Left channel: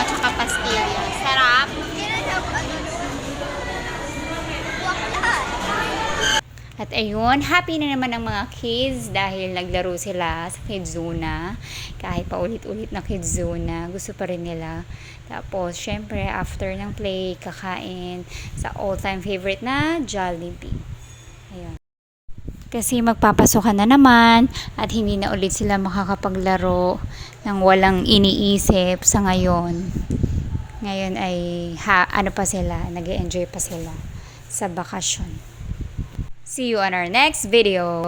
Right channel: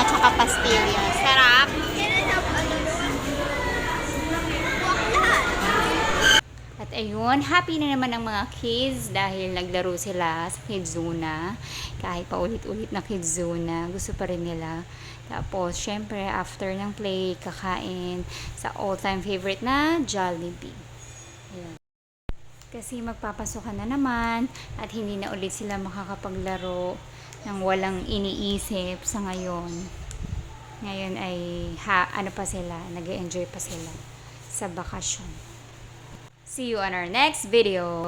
ano, tsaka pastillas. Sarap. At ayun, happy na naman ang mga kids dahil naglaro sila sa Kids Zona. Kahit paulit-ulit na Kids Zona, gusto pa rin nila. Tapos, syempre, after ng play, kakain sa all-time favorite na Jollibee. Ayun. Kasi magpapasokan na naman at hindi na ulit sila makakapaglaro ng walang iniisip sa ngayon. Ngayon ay ano pa sila, nag-enjoy pa sila sa bakasyon. See you on our next video.